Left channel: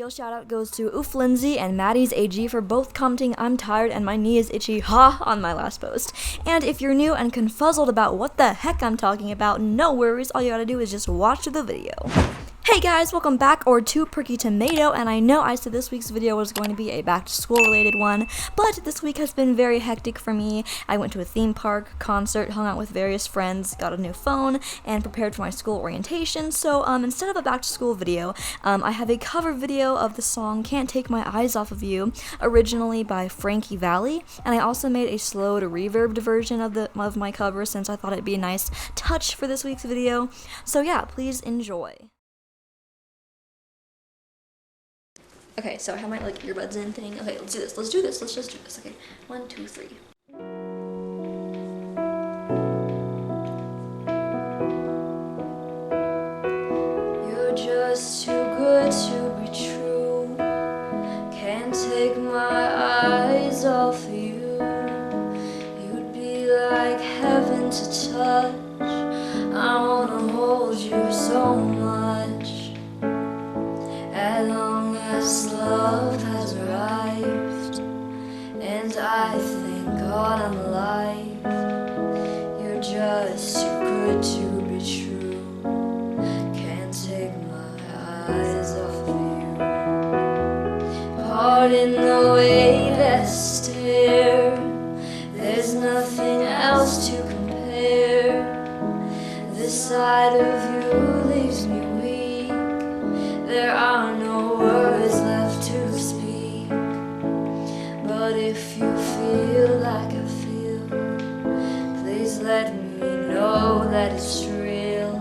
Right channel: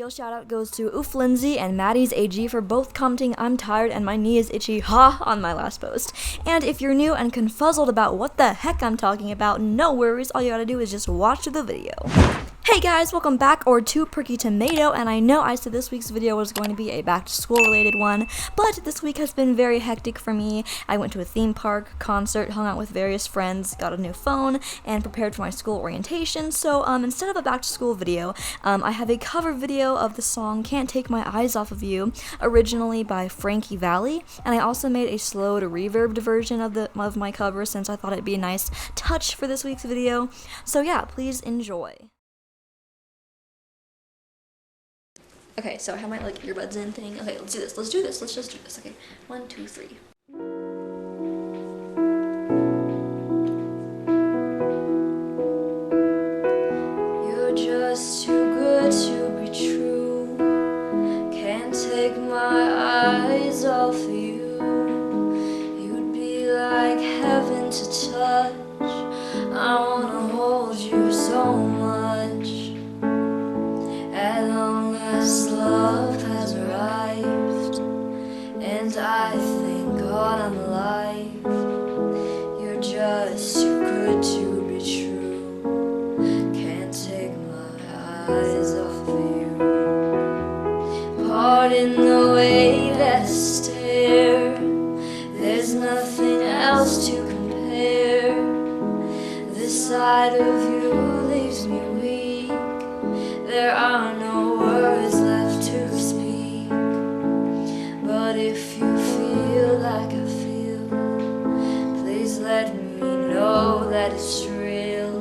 Real shout out goes to Oof Lindsay and Maddie's AG for both commenting "I'm tired and my knee is itchy" on my last post. And if you're new and confuzzled about what the heck I'm talking about, no worries, all you gotta do is just watch the video. Hey guys, welcome back to PerkyTomato, and I know I said this week's video was going to be a back to school related one, but this week has been very hectic for me. I went to a theme park, concert, hung out with various friends, got a new phone, and prepared for my school orientation. So instead of a back to school video, I have a cover video of the song "Can't Take My Eyes Off of You," originally by Frankie Valli, and I also made a slowed reverbed version of my cover since I thought it'd be a nice touch for this week's video. So yeah, please enjoy. Okay, so I have my earbuds in thing. Okay, let's just do this. Okay, 1, 2, 3. You're just too good to be true. Can't take my eyes off you. You'd be like heaven to touch. I wanna hold you so much. As long as love has arrived, and I thank God I'm alive. You're just too good to be true. Can't take my eyes off of you. Pardon the way that I stare. There's nothing else to compare. This side of you leaves me weak. There are no words left to speak. But if you feel like I feel, please let me know that it's real.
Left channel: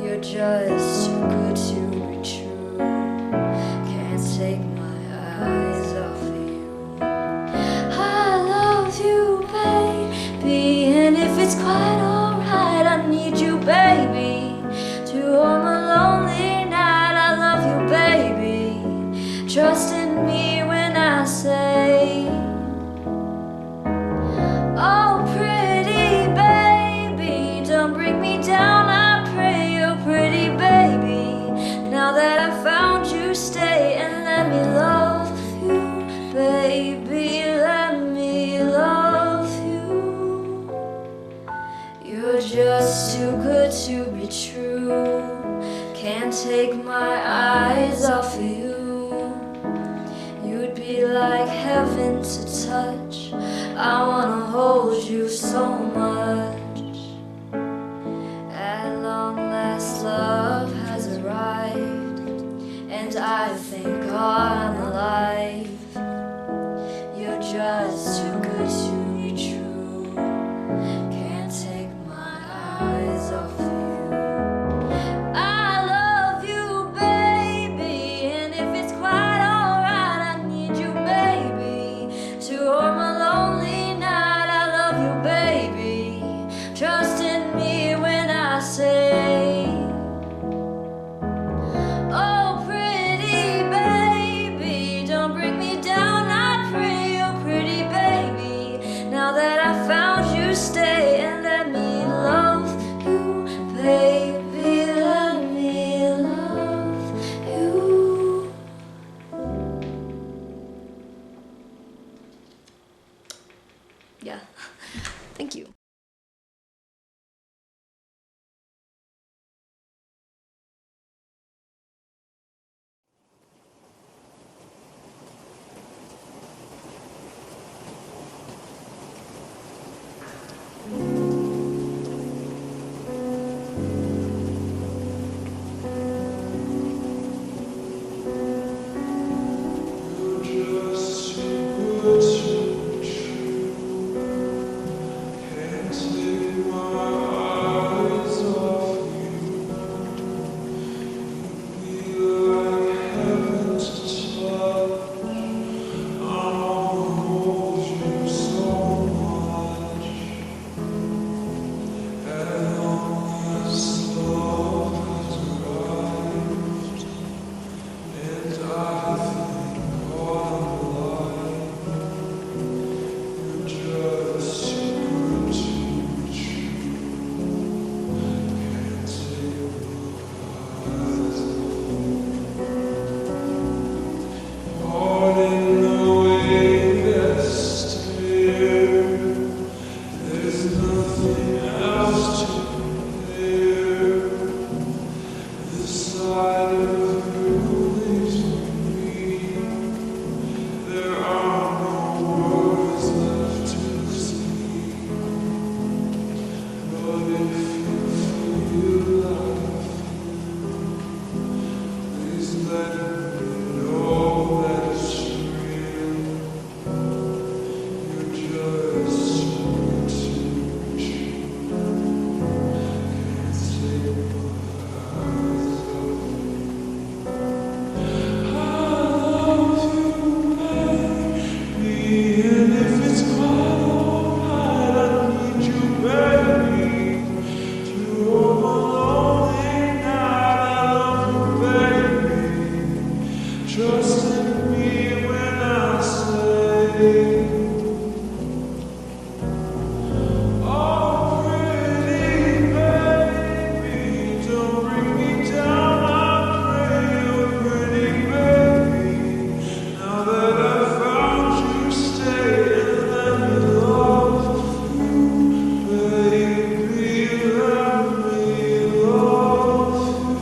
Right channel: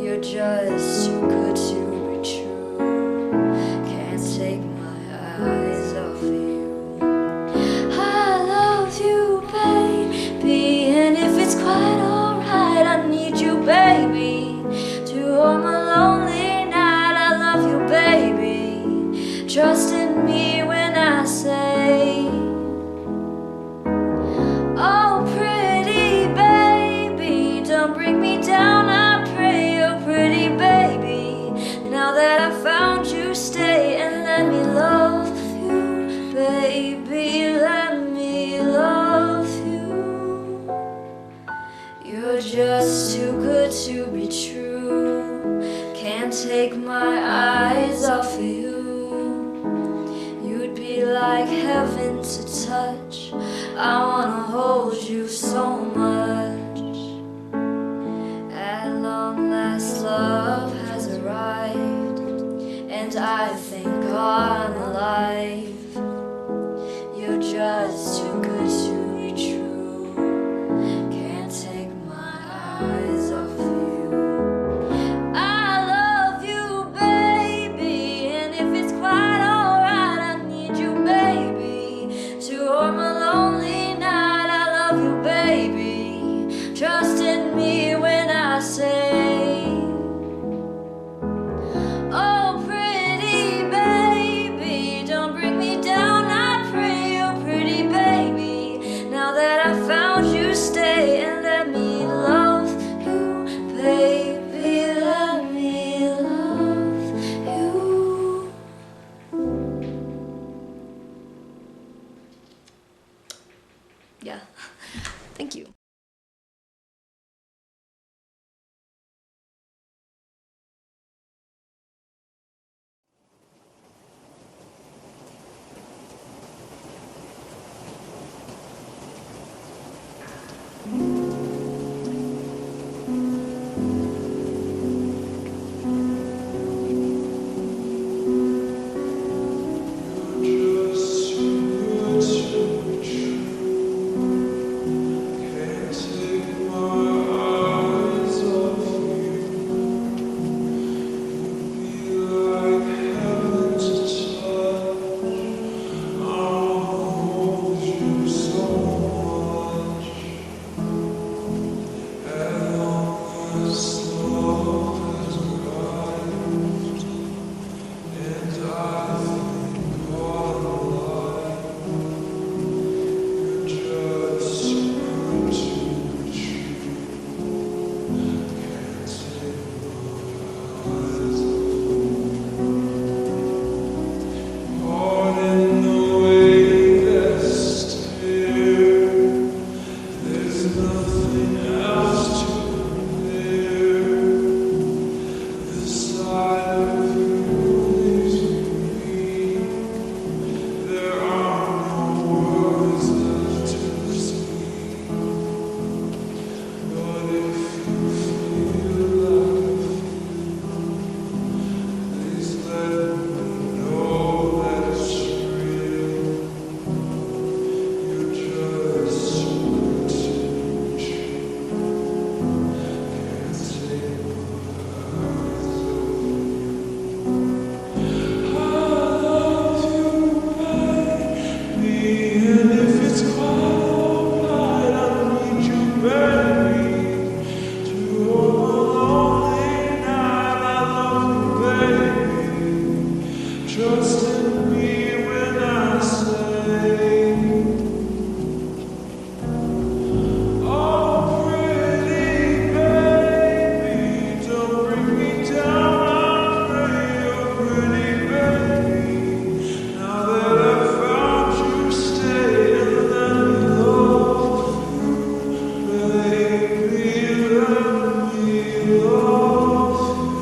You're just too good to be true. Can't take my eyes off of you. I love you, baby, and if it's quite alright, I need you, baby, to hold my lonely. Baby, trust in me when I say, oh pretty baby, don't bring me down, I pray. Oh pretty baby, now that I found you, stay and let me love you, baby, let me love you. You're just too good to be true. Can't take my eyes off of you. You'd be like heaven to touch. I wanna hold you so much. At long last love has arrived, and I thank God I'm alive. You're just too good to be true. Can't take my eyes off of you. Trust in me when I say, side of you leaves me weak. There are no words left to speak. But if you feel like I feel, please let me know that it's real. You're just too good to be true. Can't take my eyes off you. I love you, baby, and if it's quite alright, I need you, baby, to hold my lonely night. I love you, baby. Trust in me when I say, oh, pretty baby, don't bring me down, I pray. Oh, pretty baby, now that I found you, stay and let me love you, baby, let me love you.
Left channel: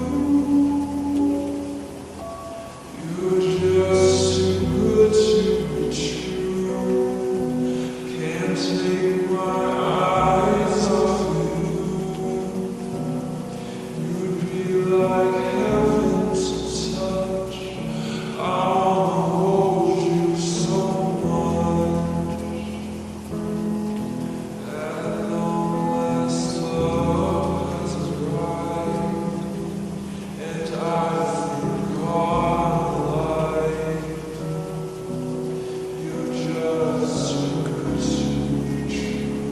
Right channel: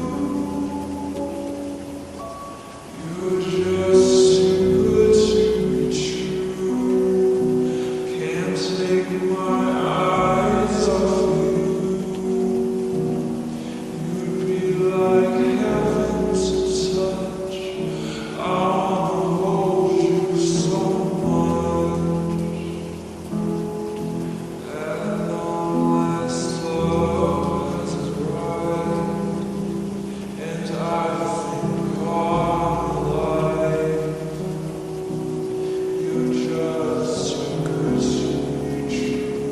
You're just too good to be true. Can't take my eyes off you. You'd be like heaven to touch. I wanna hold you so much. At long last, love has arrived, and I think I'm alive. You're just too good to be true.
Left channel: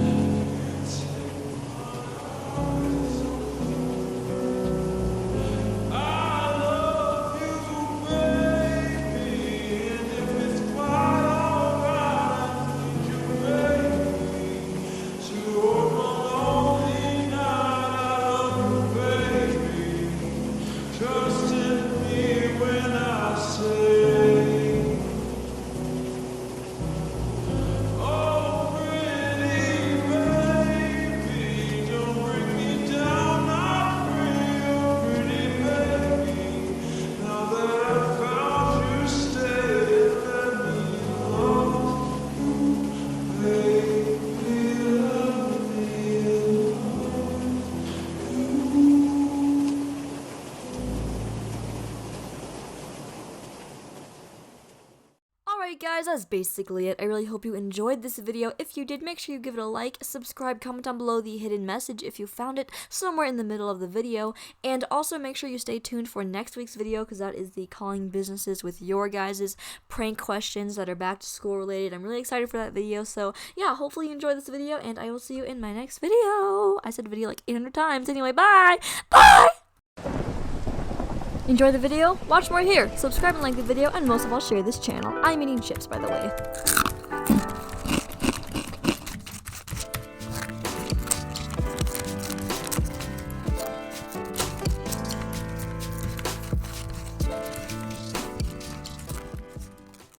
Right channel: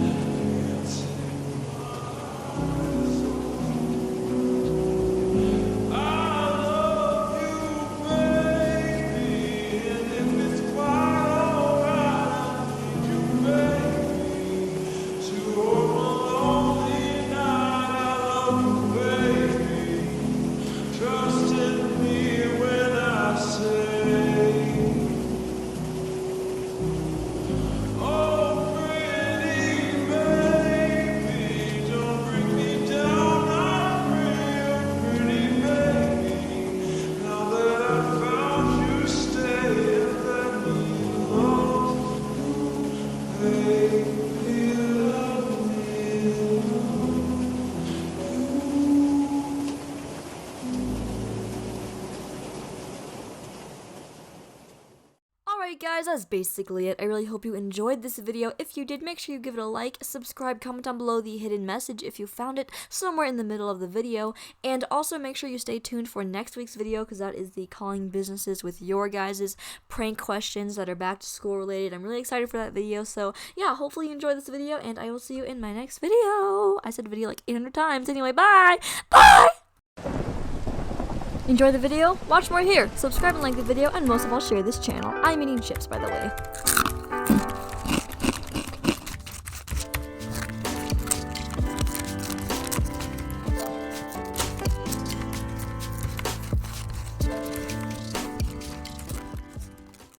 Can't take my eyes off you. I love you, baby, and if it's quite alright, I need you, baby, to hold my lonely night. I love you, baby. Trust in me when I say, oh, pretty baby, don't bring me down, I pray. Oh, pretty baby, now that I found you, stay and let me love you, baby, let me love you. Alright guys, that's basically it. I really hope you enjoyed this video. If you did, make sure you give it a like, subscribe, comment down below the hidden message if you found it somewhere in the middle of the video, and also make sure you stay tuned for next week's video because that is the calling businesses with your guys' prank questions that are back to school related. I'm really excited for that video, so yeah, hopefully you enjoyed this video, and I will see you in my next video. I said video like 800 times. Anyway, bye! Bye! Enjoy the video? Watch more here. Subscribe and like the video, and most of all, share this channel. I'm eating chips, by the way.